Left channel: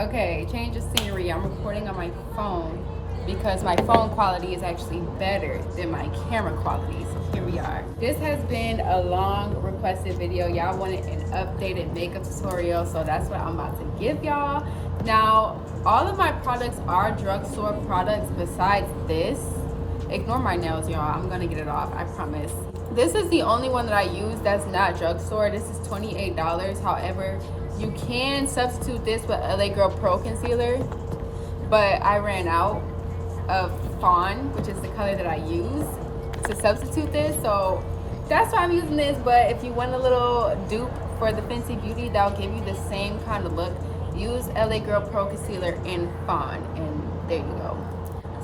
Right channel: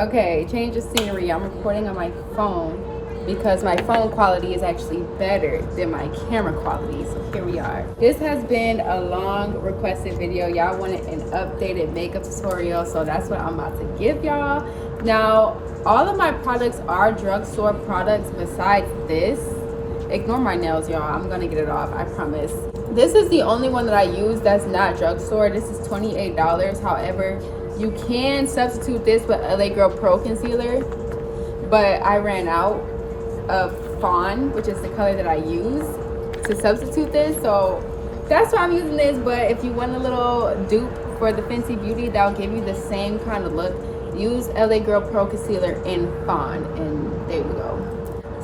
Okay, change of scenery. I'm recording on my phone because my phone quality is actually better than my camera quality. So here we are. This has been a long requested video. Y'all wanted an updated makeup tutorial, so that's what I'm about to give y'all. Now, all of my products are drugstore products besides this. Ignore my nails, y'all. I'm gonna get it off, I promise. This is the only one that I use that's not drugstore. This is $28. However, you can substitute this with LA Girl Pro Concealer, but I ran out of Fawn, which is the color that I use to substitute this, so that's why I'm using this. But if you want a little dupe for the Fenty Beauty that'll give you the same kind of look, use LA Girl Pro Concealer in Fawn, and there you go.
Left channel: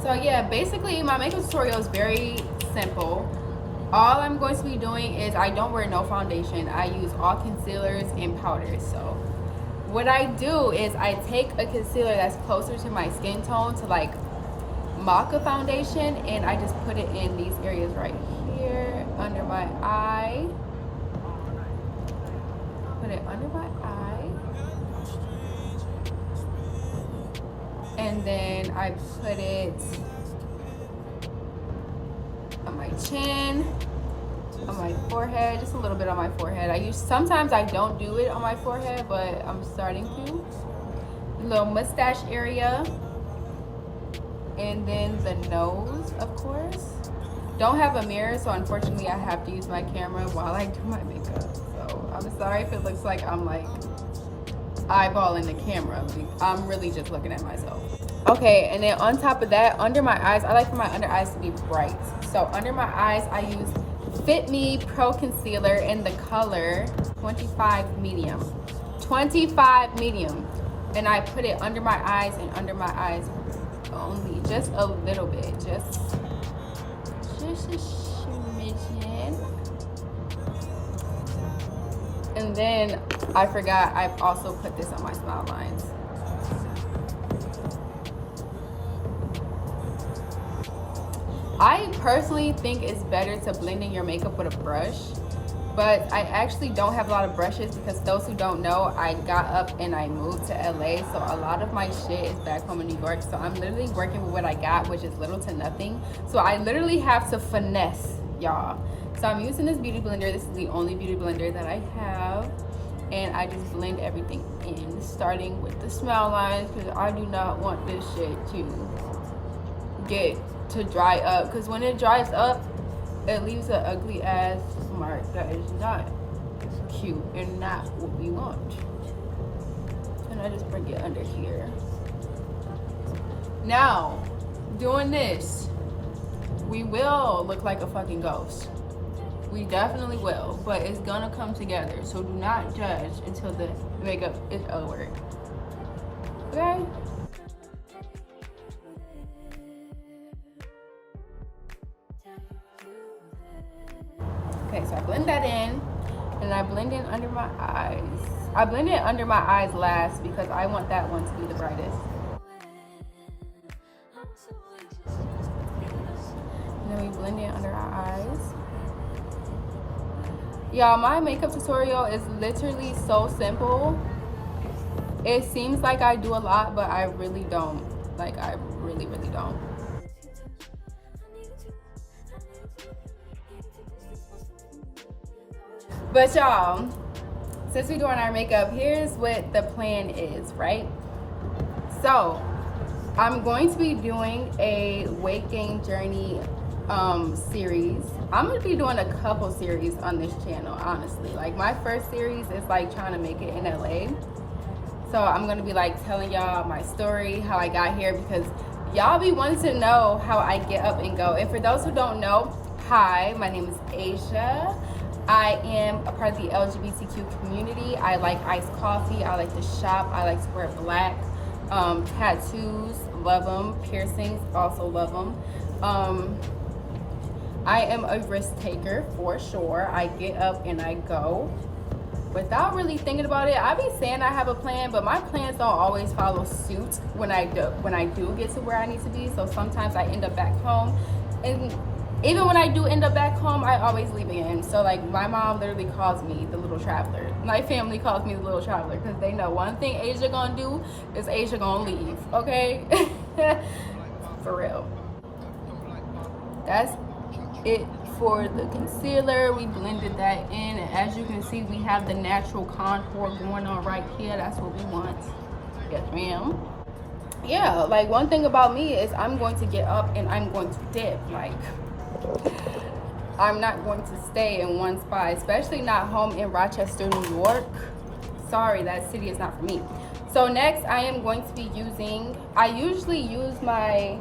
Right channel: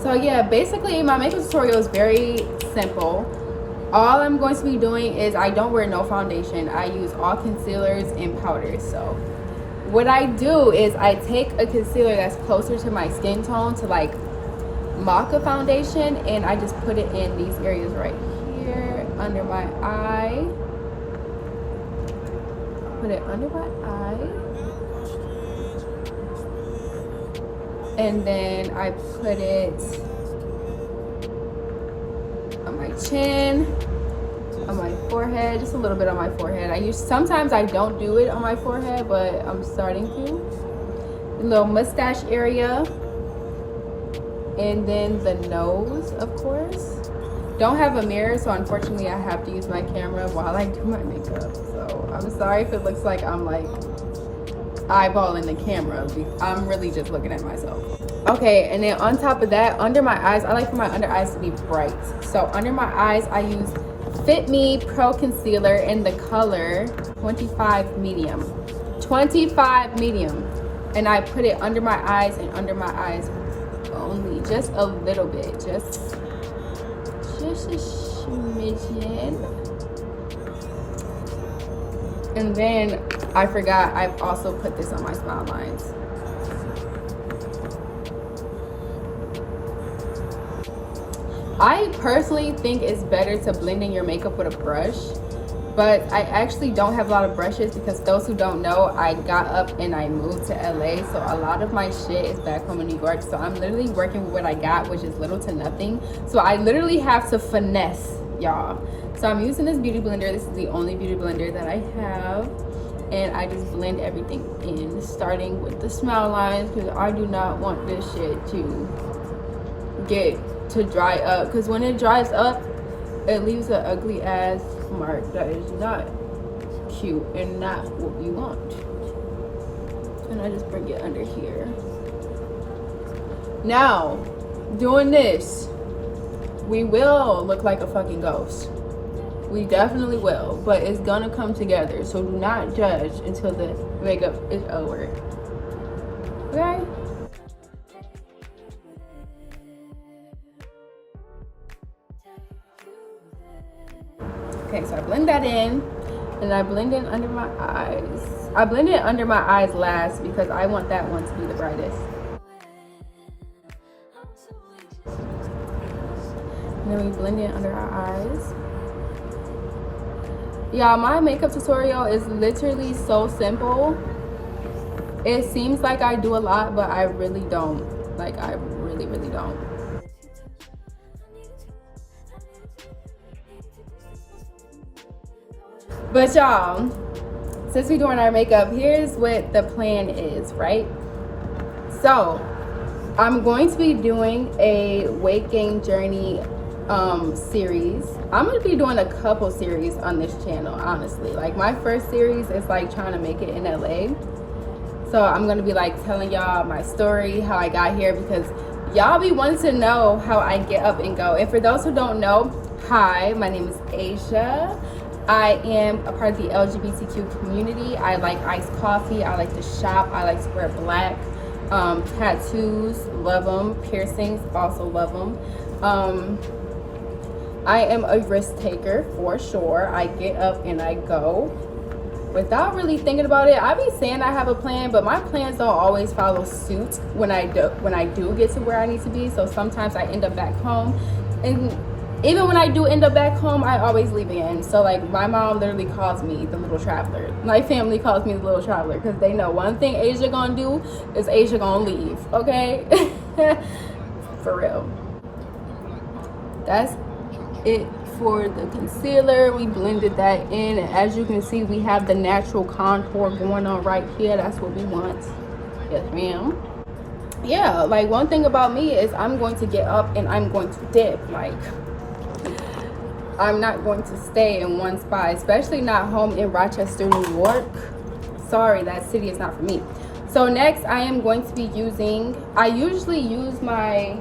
So yeah, basically my makeup tutorial is very simple. All I'm going to be doing is I don't wear no foundation. I use all concealers and powders. So what I do is I take a concealer that's closer to my skin tone to like mock a foundation, and I just put it in these areas right here under my eye. Put it under my eye. And then I put it on my chin, on my forehead, just a little bit on my forehead. Sometimes I don't do it on my forehead, but I'm starting to. A little mustache area, and then the nose, of course. Don't have a mirror, so unfortunately I have to use my camera while I do my makeup. So I'm sorry if it looks like I'm like eyeballing the camera. I'm really just looking at myself. Okay, and then on top of that, under my eyes, I like for my under eyes to be bright. So under my eyes, I use Fit Me Pro Concealer in the color 25 Medium. 25 Medium. And I put it under my eyes and under my eyes only. Just a little bit. Just a smidgen. And then I forgot, I've also put this on my smile lines. I personally think it's better to blend in your makeup with a brush, but I actually don't have a lot of brushes because those who don't know, I got up and I moved to LA, so a lot of my shit is back home in New York. So I'm literally working with what I got, which is little to nothing. So I literally have to finesse, y'all. So I'm using this beauty blender. This is the only beauty blender that I have, and I just blend everything in, starting with the smile lines, because I do not want this shit to dry up, because when it dries up, it leaves an ugly ass mark that is not cute and not what we want. And I just bring it under here. Now, doing this, we will look like a fucking ghost. We definitely will, but it's gonna come together. So do not judge until the makeup is over. Okay? Okay, so I blend that in, and I blend in under my eyes. I blend it under my eyes last because I want that one to be the brightest. And then we blend it under our eyes. Y'all, my makeup tutorial is literally so simple. It seems like I do a lot, but I really don't. Like, I really, really don't. But y'all, since we're doing our makeup, here's what the plan is, right? So I'm going to be doing a weight gain journey series. I'm going to be doing a couple series on this channel, honestly. Like, my first series is like trying to make it in LA. So I'm going to be like telling y'all my story, how I got here, because y'all be wanting to know how I get up and go. And for those who don't know, hi, my name is Asxa. I am a part of the LGBTQ community. I like iced coffee. I like to shop. I like to wear black. Tattoos, love them. Piercings, also love them. I am a risk taker for sure. I get up and I go without really thinking about it. I be saying I have a plan, but my plans don't always follow suit when I do get to where I need to be. So sometimes I end up back home, and even when I do end up back home, I always leave again. So like my mom literally calls me the little traveler. My family calls me the little traveler because they know one thing Asia gonna do is Asia gonna leave, okay? For real. That's it for the concealer. We blended that in, and as you can see, we have the natural contour going on right here. That's what we want. Yes, ma'am. Yeah, like one thing about me is I'm going to get up and I'm going to dip. Like, I'm not going to stay in one spot, especially not home in Rochester, New York. Sorry, that city is not for me. So next I am going to be using, I usually use my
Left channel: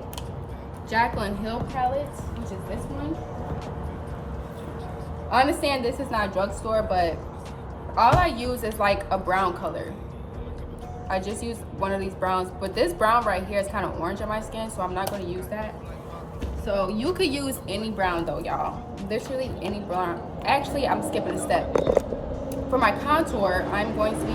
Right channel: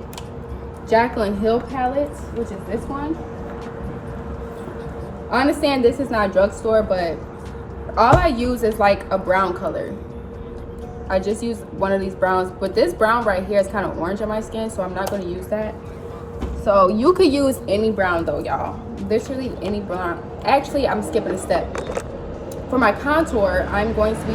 Jaclyn Hill palette, which is this one. I understand this is not drugstore, but all I use is like a brown color. I just use one of these browns, but this brown right here is kind of orange on my skin, so I'm not going to use that. So you could use any brown though, y'all. Literally any brown. Actually, I'm skipping a step. For my contour, I'm going to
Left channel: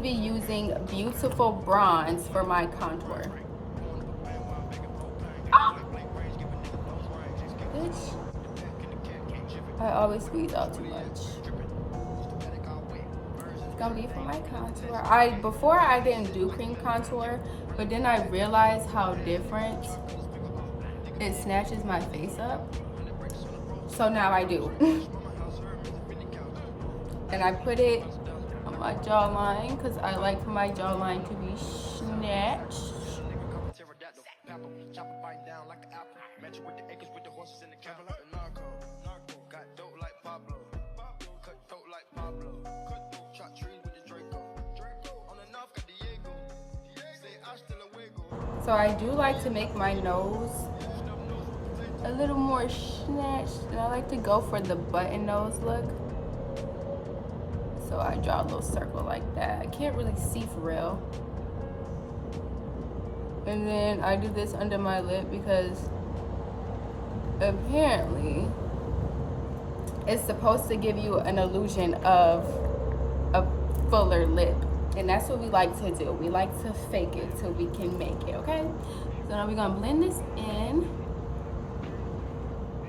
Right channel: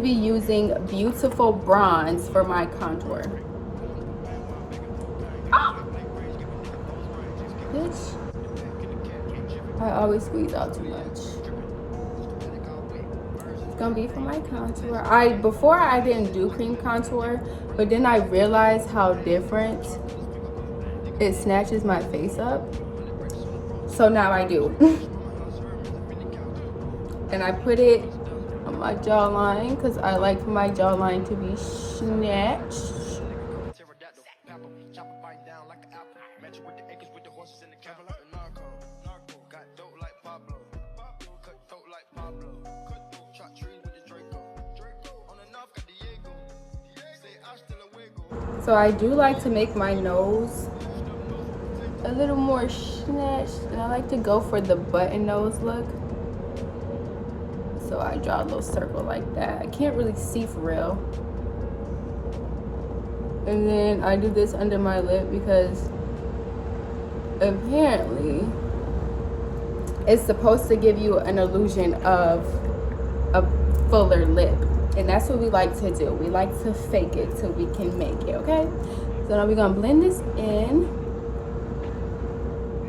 be using Beautiful Bronze for my contour. Bitch. I always squeeze out too much. It's gonna be for my contour. Before I didn't do cream contour, but then I realized how different it snatches my face up. So now I do. And I put it on my jawline because I like for my jawline to be snatched. So I do like to make my nose a little more snatched, and I like to go for the button nose look. So I draw a little circle like that. I can't really see for real. And then I do this under my lip because apparently it's supposed to give you an illusion of a fuller lip. And that's what we like to do. We like to fake it till we can make it, okay? So now we're gonna blend this in.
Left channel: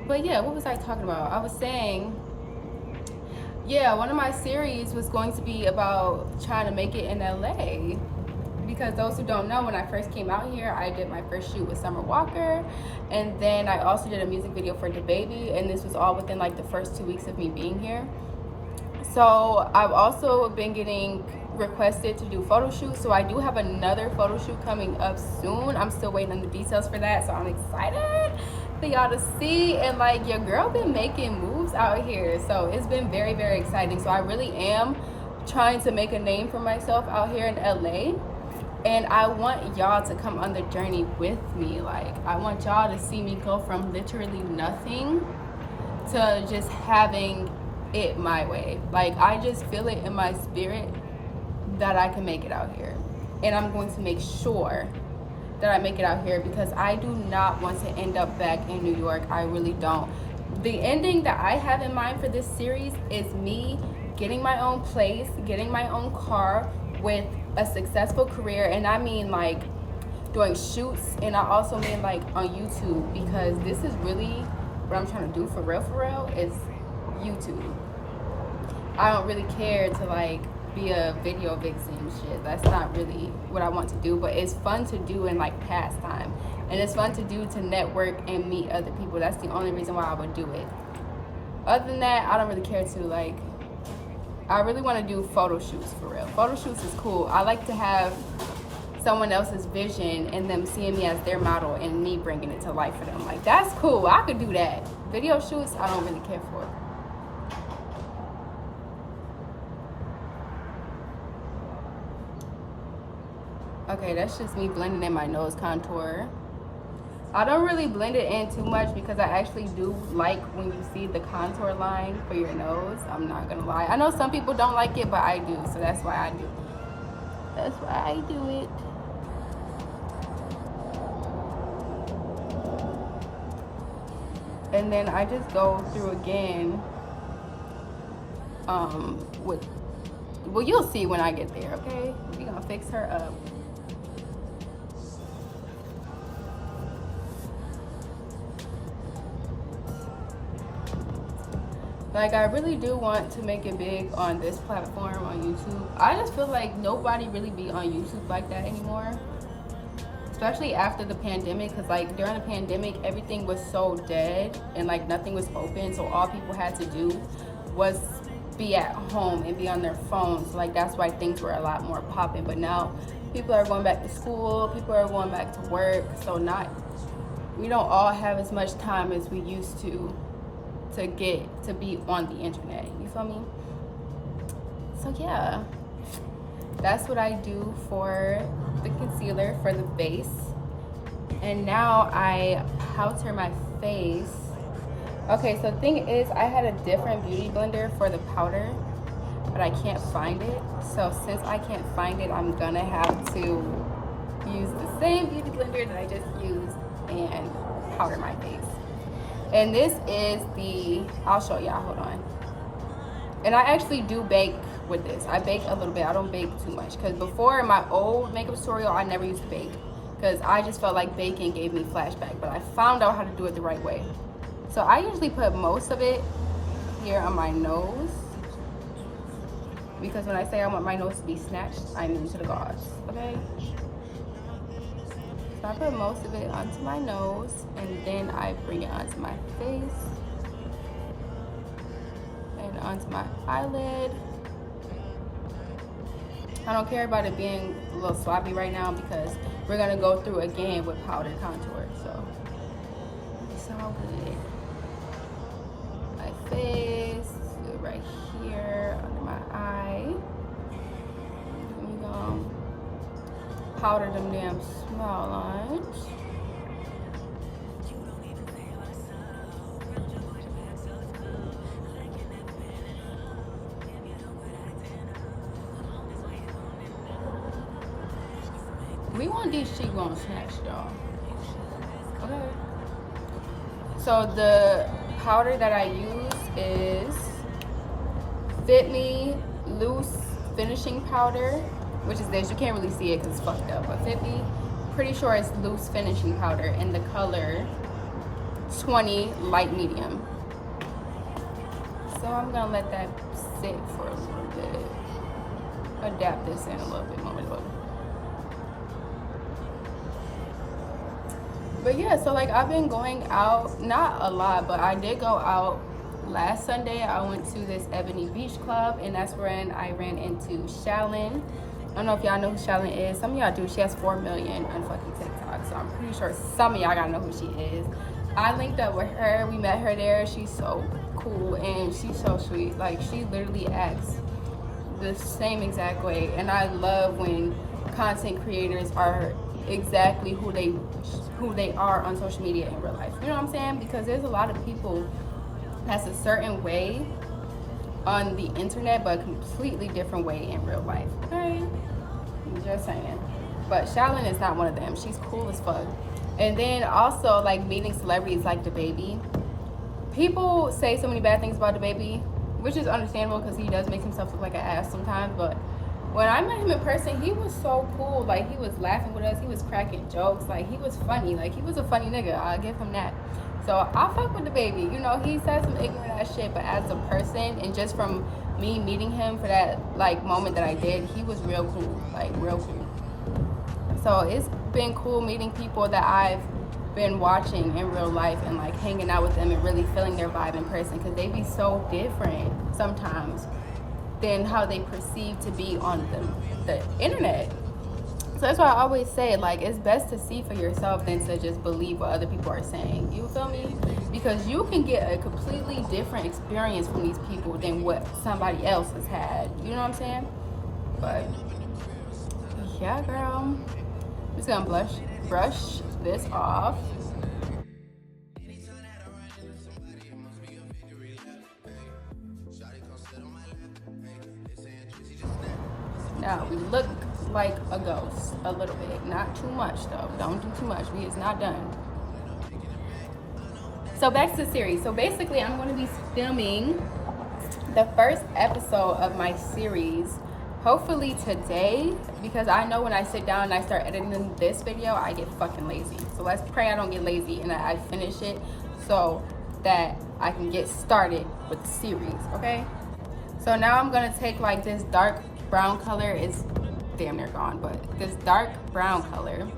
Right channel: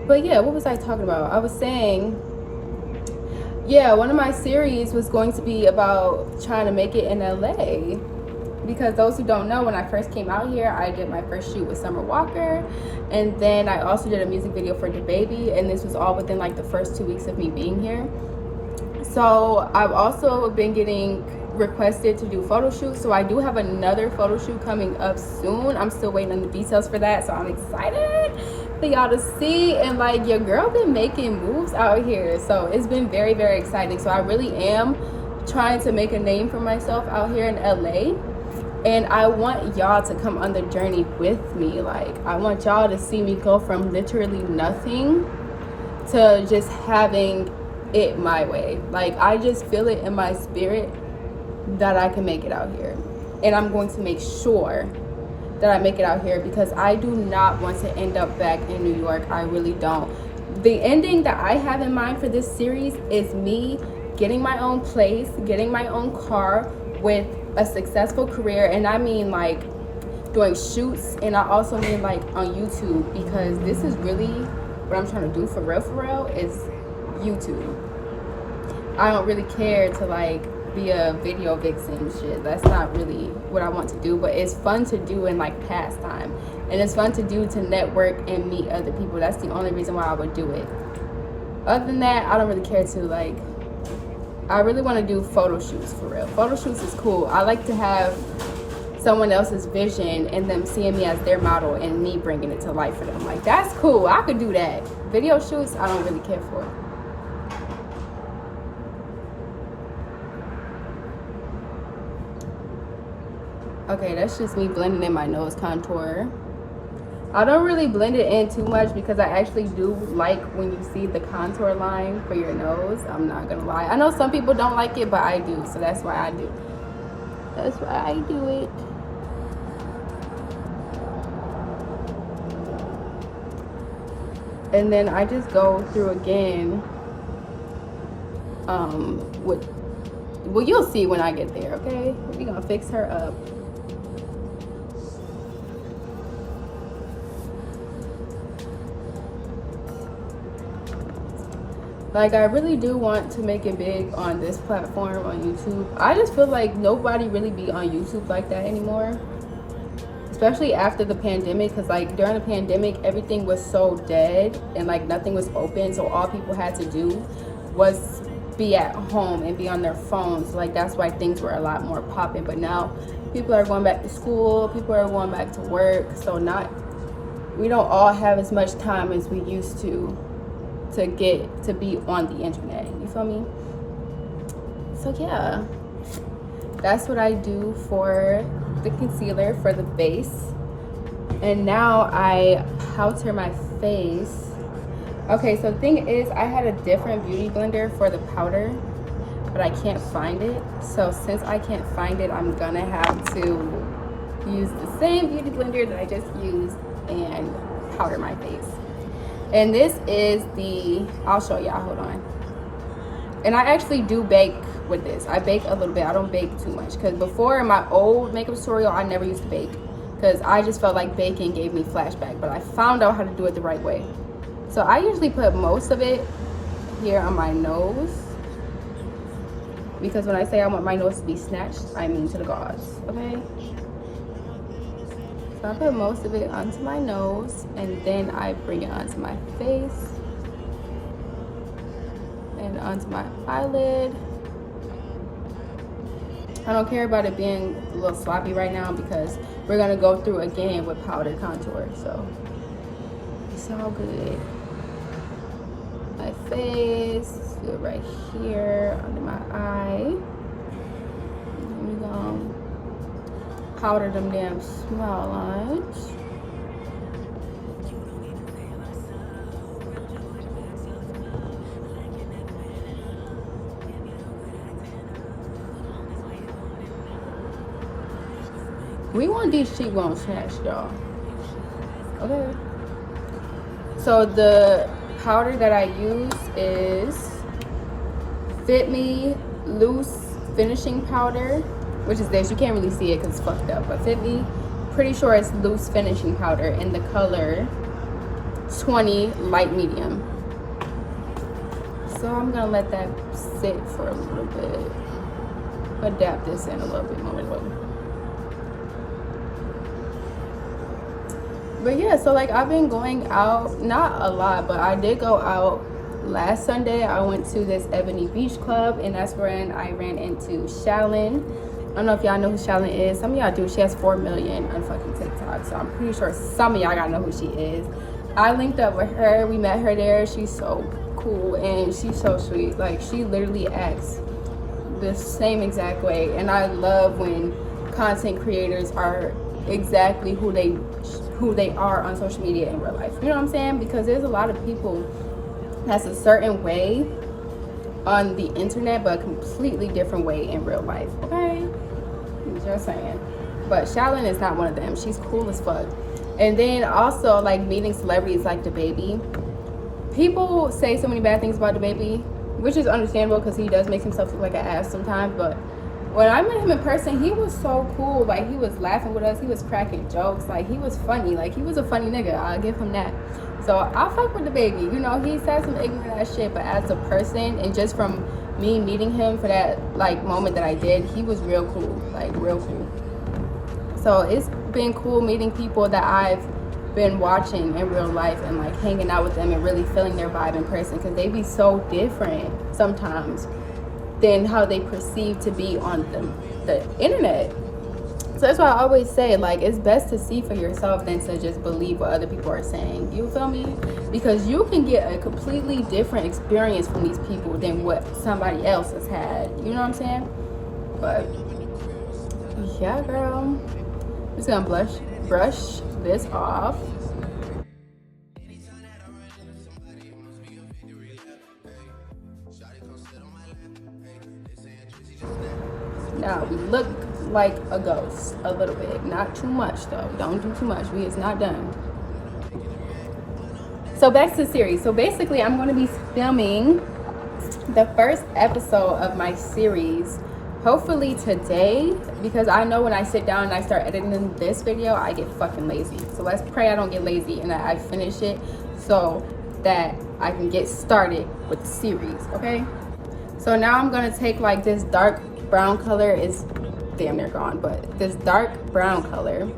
But yeah, what was I talking about? I was saying, yeah, one of my series was going to be about trying to make it in LA. Because those who don't know, when I first came out here, I did my first shoot with Summer Walker. And then I also did a music video for DaBaby. And this was all within like the first 2 weeks of me being here. So I've also been getting requested to do photo shoots, so I do have another photo shoot coming up soon. I'm still waiting on the details for that, so I'm excited for y'all to see. And like, your girl been making moves out here, so it's been very, very exciting. So I really am trying to make a name for myself out here in LA, and I want y'all to come on the journey with me. Like, I want y'all to see me go from literally nothing to just having it my way. Like, I just feel it in my spirit that I can make it out here, and I'm going to make sure that I make it out here because I do not want to end up back in New York. I really don't. The ending that I have in mind for this series is me getting my own place, getting my own car with a successful career, and I mean like doing shoots, and I also mean like on YouTube, because this is really what I'm trying to do for real is YouTube. I don't really care to like be a video vixen shit. That's not really what I want to do, but it's fun to do in like pastime, and it's fun to do to network and meet other people. That's the only reason why I would do it. Other than that, I don't really care to like, I really want to do photo shoots for real. Photo shoots is cool. I like to have someone else's vision and them seeing me as their model and me bringing it to life for them. Like, that's cool. I could do that. Video shoots, I don't really care for. Okay, that's just me blending in my nose contour. I don't really blend it in too much because I actually do like when you see the contour line for your nose. I'm not gonna lie. I know some people don't like it, but I do, so that's why I do. That's why I do it. And then I just go through again with, well, you'll see when I get there, okay? We're gonna fix her up. Like, I really do want to make it big on this platform, on YouTube. I just feel like nobody really be on YouTube like that anymore, especially after the pandemic, because like during the pandemic everything was so dead and like nothing was open, so all people had to do was be at home and be on their phones. Like, that's why things were a lot more popping. But now people are going back to school, people are going back to work, so we don't all have as much time as we used to get to be on the internet, you feel me? So yeah, that's what I do for the concealer, for the base. And now I powder my face. Okay, so the thing is, I had a different beauty blender for the powder, but I can't find it. So since I can't find it, I'm gonna have to use the same beauty blender that I just used and powder my face. And this is I'll show y'all, hold on. And I actually do bake with this. I bake a little bit, I don't bake too much, because before in my old makeup tutorial, I never used to bake because I just felt like baking gave me flashback, but I found out how to do it the right way. So I usually put most of it here on my nose, because when I say I want my nose to be snatched, I mean to the gods, okay? So I put most of it onto my nose, and then I bring it onto my face and onto my eyelid. I don't care about it being a little sloppy right now because we're gonna go through again with powder contour, so it's all good. My face, right here under my eye. We're gonna powder them damn small lines. We want these cheekbones snatched, y'all. Okay. So the powder that I use is Fit Me Loose Finishing Powder, which is this. You can't really see it because it's fucked up, but Fit Me, pretty sure it's loose finishing powder in the color 20 light medium. So I'm gonna let that sit for a little bit. Adapt this in a little bit more. But yeah, so like I've been going out, not a lot, but I did go out last Sunday. I went to this Ebony Beach Club, and that's when I ran into 𝓕𝓸. I don't know if y'all know who 𝓕𝓸 is. Some of y'all do. She has 4 million on fucking TikTok, so I'm pretty sure some of y'all gotta know who she is. I linked up with her. We met her there. She's so cool and she's so sweet. Like, she literally acts the same exact way, and I love when content creators are exactly who they are on social media in real life. You know what I'm saying? Because there's a lot of people that's a certain way on the internet, but a completely different way in real life. Okay? I'm just saying. But 𝓕𝓸 is not one of them. She's cool as fuck. And then also, like, meeting celebrities like DaBaby. People say so many bad things about DaBaby, which is understandable because he does make himself look like an ass sometimes, but when I met him in person, he was so cool. Like, he was laughing with us, he was cracking jokes, like, he was funny. Like, he was a funny nigga, I'll give him that. So I fuck with DaBaby. You know, he said some ignorant ass shit, but as a person, and just from me meeting him for that like moment that I did, he was real cool, like real cool. So it's been cool meeting people that I've been watching in real life and like hanging out with them and really feeling their vibe in person, because they be so different sometimes than how they perceive to be on the internet. So that's why I always say, like, it's best to see for yourself than to just believe what other people are saying. You feel me? Because you can get a completely different experience from these people than what somebody else has had. You know what I'm saying? But yeah, girl, I'm just gonna brush this off. Now we look like a ghost a little bit, not too much though. Don't do too much. It's not done. So back to the series. So basically, I'm going to be filming the first episode of my series hopefully today, because I know when I sit down and I start editing this video, I get fucking lazy. So let's pray I don't get lazy and that I finish it so that I can get started with the series, okay? So now I'm gonna take like this dark brown color, is damn near gone, but this dark brown color,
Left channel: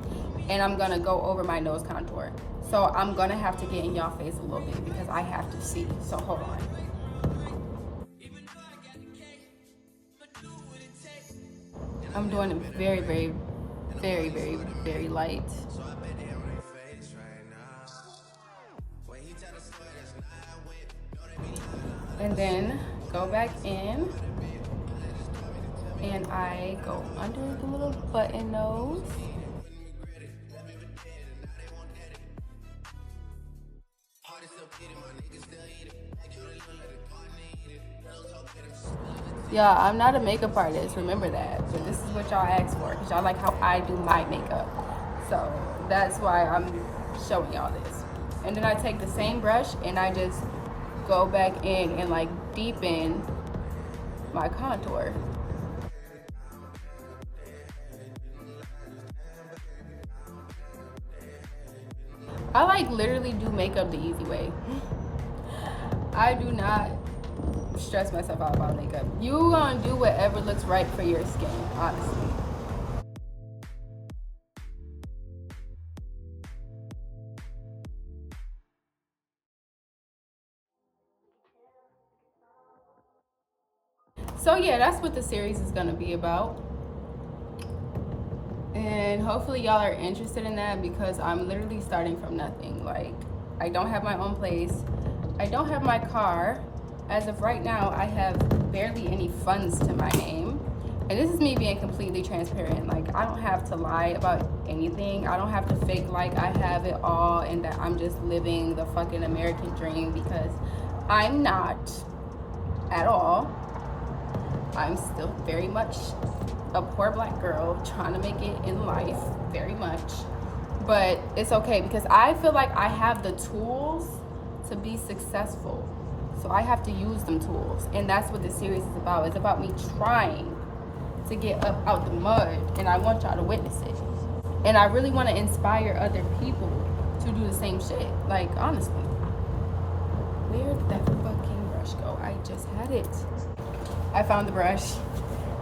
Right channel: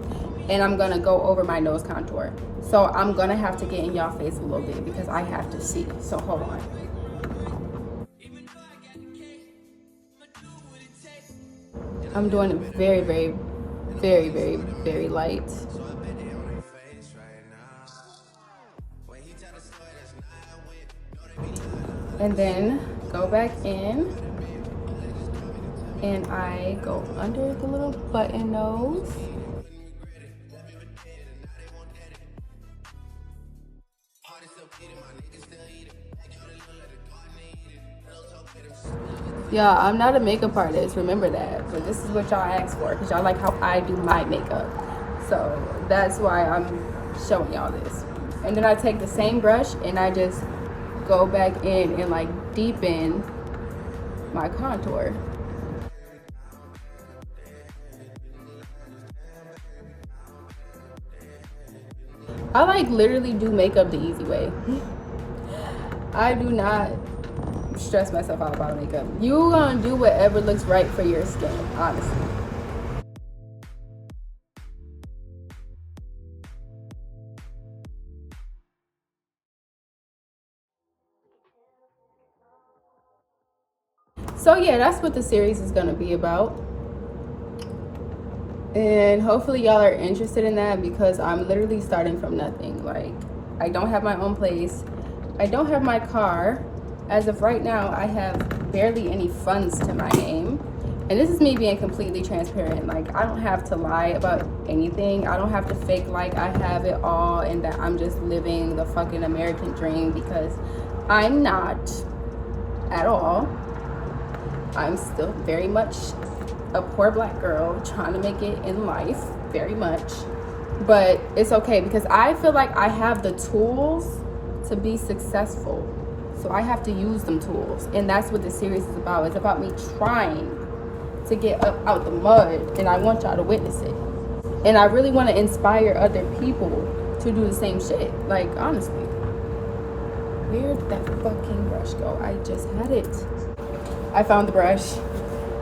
and I'm gonna go over my nose contour. So I'm gonna have to get in y'all face a little bit because I have to see, so hold on. I'm doing it very, very, very, very, very light. And then go back in and I go under the little button nose. Yeah, I'm not a makeup artist, remember that, but this is what y'all asked for because y'all like how I do my makeup. So that's why I'm showing y'all this. And then I take the same brush and I just go back in and like deepen my contour. I like literally do makeup the easy way. I do not stress myself out about makeup. You gonna do whatever looks right for your skin, honestly. So yeah, that's what the series is gonna be about. And hopefully y'all are interested in that because I'm literally starting from nothing. Like, I don't have my own place. I don't have my car. As of right now, I have barely any funds to my name. And this is me being completely transparent. Like, I don't have to lie about anything. I don't have to fake like I have it all and that I'm just living the fucking American dream, because I'm not at all. I'm still very much a poor black girl trying to make it in life, very much. But it's okay because I feel like I have the tools to be successful. So I have to use them tools. And that's what this series is about. It's about me trying to get up out the mud, and I want y'all to witness it. And I really want to inspire other people to do the same shit. Like, honestly. Where did that fucking brush go? I just had it. I found the brush.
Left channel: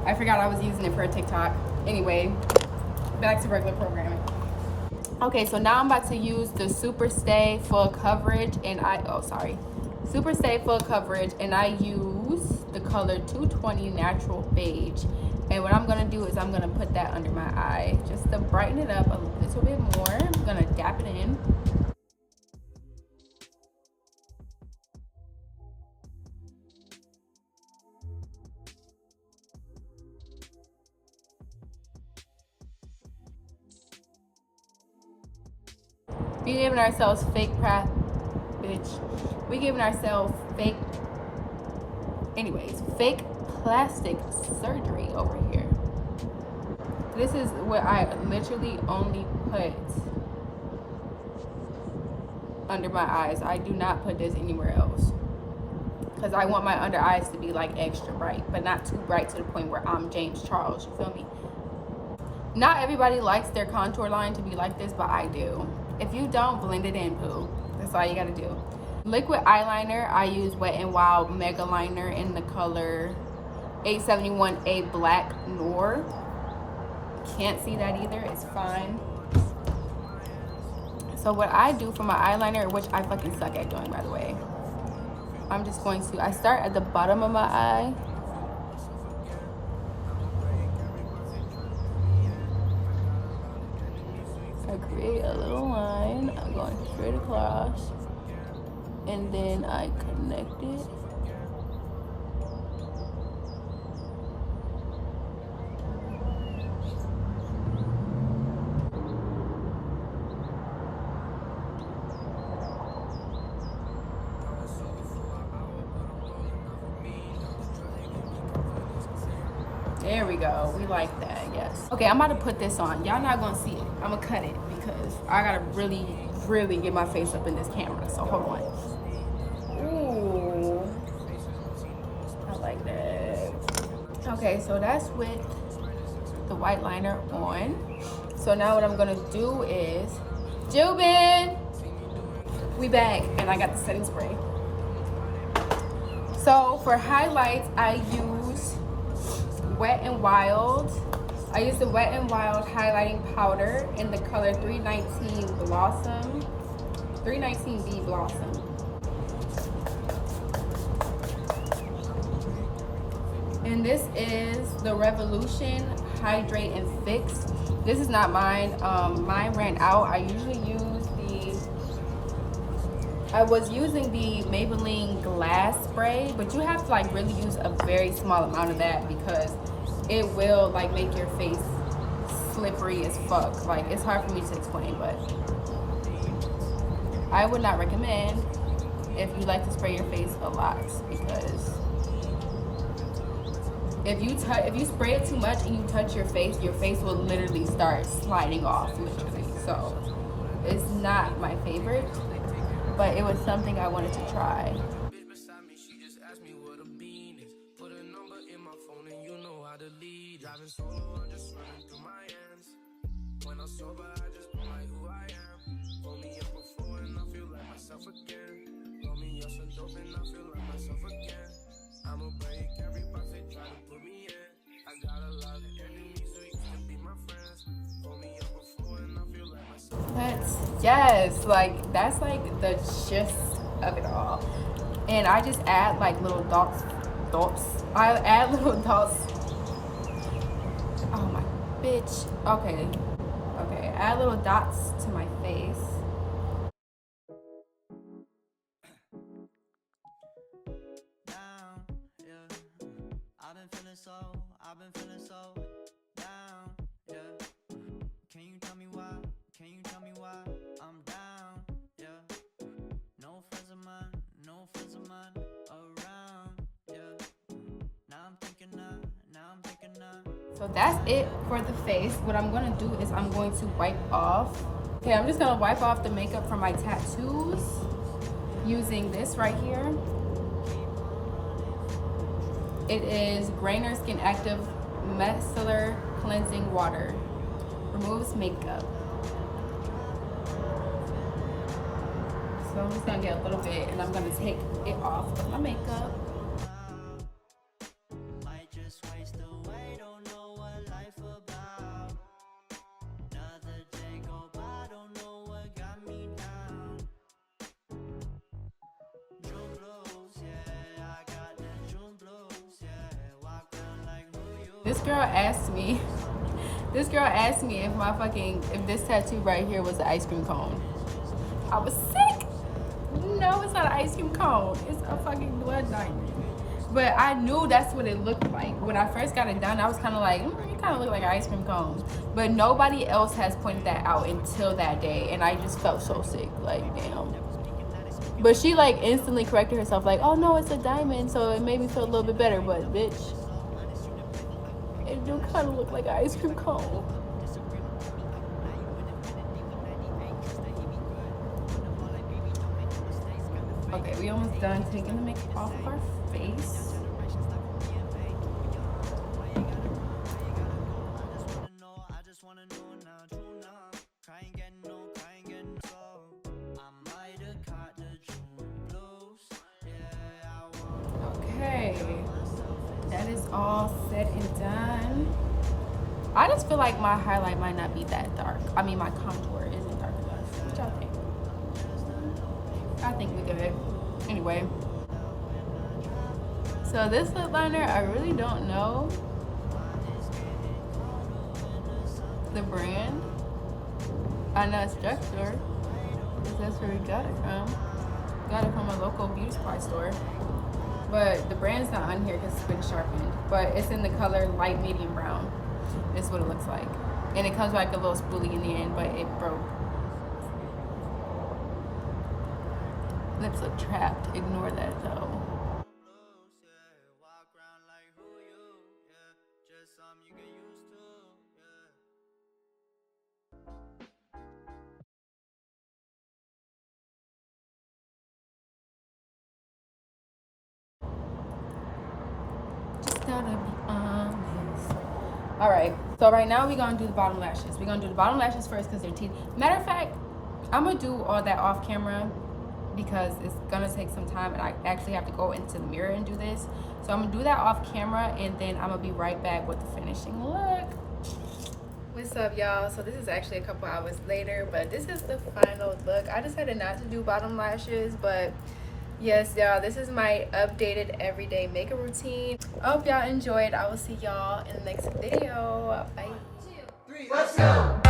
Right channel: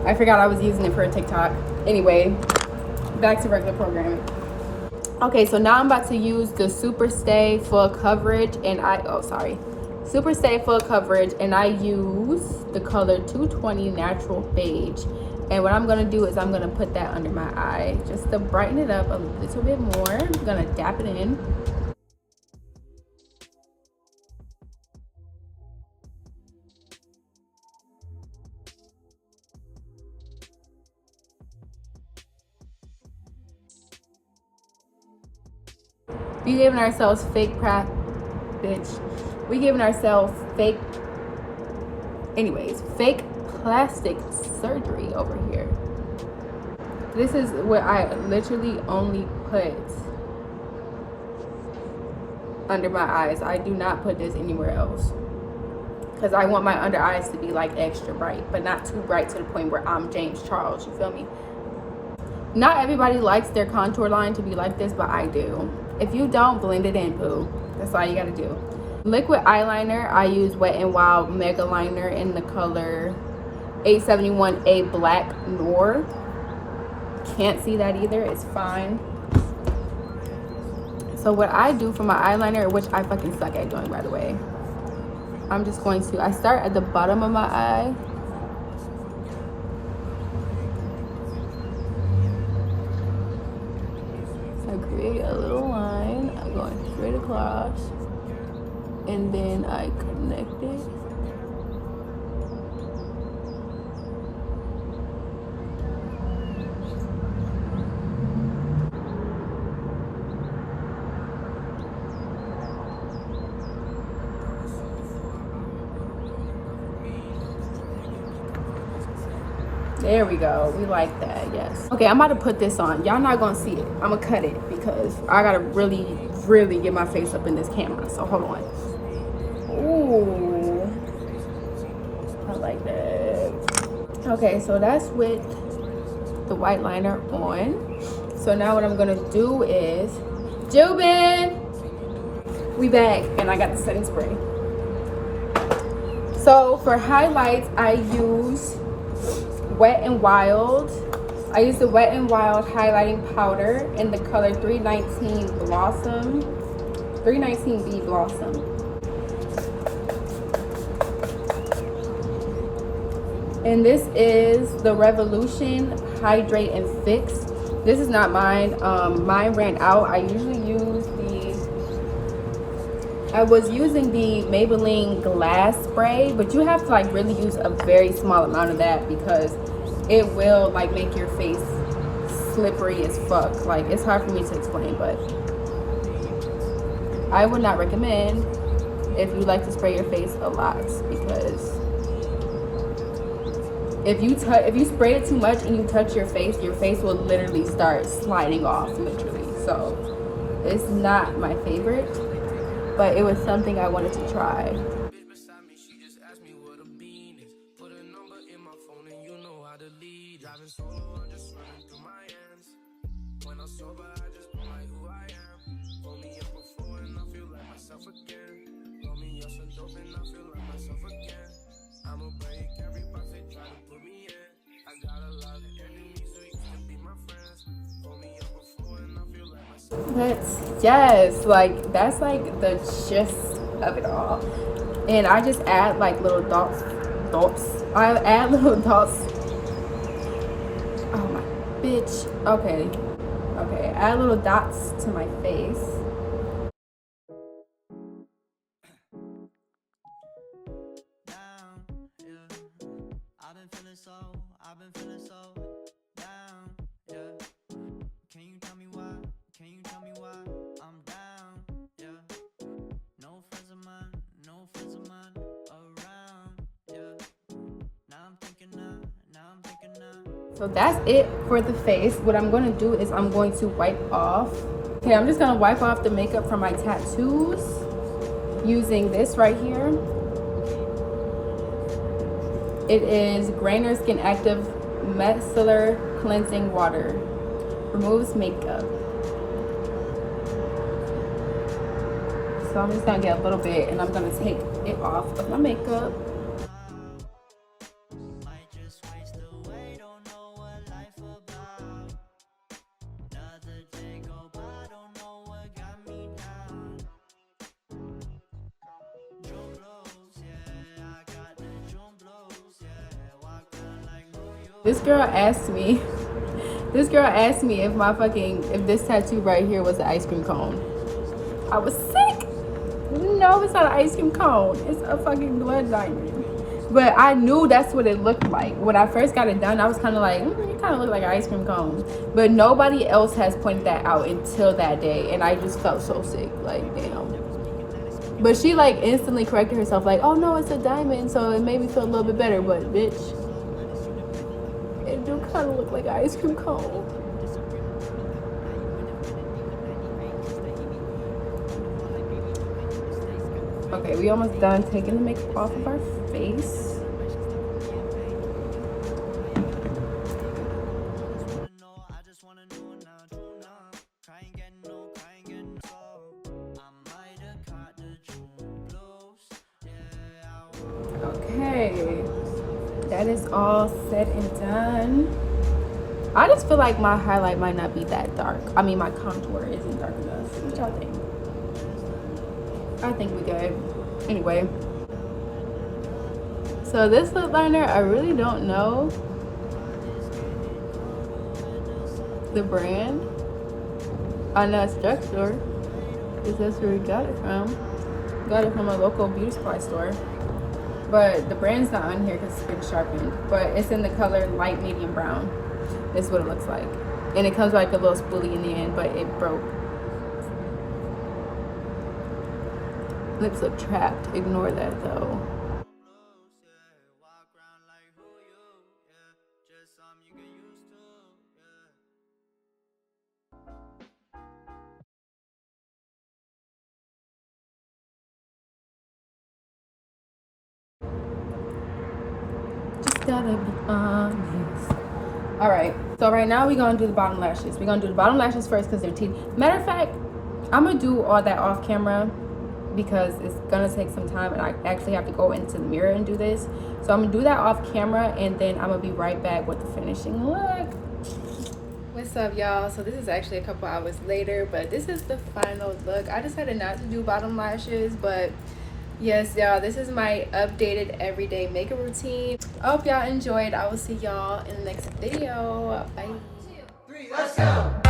I forgot I was using it for a TikTok. Anyway, back to regular programming. Okay, so now I'm about to use the Super Stay Full Coverage, and Super Stay Full Coverage, and I use the color 220 Natural Beige. And what I'm gonna do is I'm gonna put that under my eye just to brighten it up a little bit more. I'm gonna dap it in. We giving ourselves fake fake plastic surgery over here. This is where I literally only put under my eyes. I do not put this anywhere else because I want my under eyes to be like extra bright, but not too bright to the point where I'm James Charles, you feel me? Not everybody likes their contour line to be like this, but I do. If you don't, blend it in, boo. That's all you gotta do. Liquid eyeliner, I use Wet n Wild Mega Liner in the color 871A Black Noir. Can't see that either, it's fine. So what I do for my eyeliner, which I fucking suck at doing, by the way, I start at the bottom of my eye. I create a little line, I'm going straight across, and then I connect it. There we go. We like that, yes. Okay, I'm about to put this on. Y'all not gonna see it. I'm gonna cut it because I gotta really, really get my face up in this camera. So hold on. Ooh, I like that. Okay, so that's with the white liner on. So now what I'm gonna do is, Jubin, we back, and I got the setting spray. So for highlights, I use Wet n Wild. I use the Wet n Wild highlighting powder in the color 319 Blossom, 319B Blossom. And this is the Revolution Hydrate and Fix. This is not mine. Mine ran out. I was using the Maybelline glass spray, but you have to like really use a very small amount of that because it will like make your face slippery as fuck. Like, it's hard for me to explain, but I would not recommend if you like to spray your face a lot, because if you spray it too much and you touch your face will literally start sliding off, literally. So it's not my favorite, but it was something I wanted to try. But yes, like that's like the gist of it all. And I just add like little dots. I add little dots. Oh my bitch. Okay. Add little dots to my face. I've been feeling so down, yeah. Can you tell me why? I'm down, yeah. No friends of mine around, yeah. Now I'm thinking. So that's it for the face. What I'm going to do is I'm going to wipe off. Okay, I'm just going to wipe off the makeup from my tattoos using this right here. It is Grainer Skin Active Micellar Cleansing Water. Removes makeup. So I'm just gonna get a little bit and I'm gonna take it off of my makeup. This girl asked me if this tattoo right here was an ice cream cone. I was sick. No, it's not an ice cream cone. It's a fucking blood diamond. But I knew that's what it looked like. When I first got it done, I was kind of like, it kind of looked like an ice cream cone. But nobody else has pointed that out until that day. And I just felt so sick, like, you know. But she like instantly corrected herself, like, oh no, it's a diamond. So it made me feel a little bit better. But bitch, it do kind of look like an ice cream cone. Okay, we almost done taking the makeup off of our face. Okay, that is all said and done. I just feel like my highlight might not be that dark. I mean, my contour isn't dark enough. What y'all think? I think we good. Anyway, so this lip liner, I really don't know the brand. I know it's drugstore, because that's where we got it from. Got it from a local beauty supply store, but the brand's not on here because it's been sharpened. But it's in the color light medium brown. This is what it looks like, and it comes like a little spoolie in the end, but it broke. Lips look trapped. Ignore that though. Just gotta be honest. All right. So right now we're gonna do the bottom lashes. We're gonna do the bottom lashes first because they're teeth. Matter of fact, I'm gonna do all that off camera. because it's gonna take some time and I actually have to go into the mirror and do this. So I'm gonna do that off camera and then I'm gonna be right back with the finishing look. What's up, y'all? So this is actually a couple hours later, but this is the final look. I decided not to do bottom lashes, but yes, y'all, this is my updated everyday makeup routine. I hope y'all enjoyed. I will see y'all in the next video. Bye. 1, 2, 3, let's go.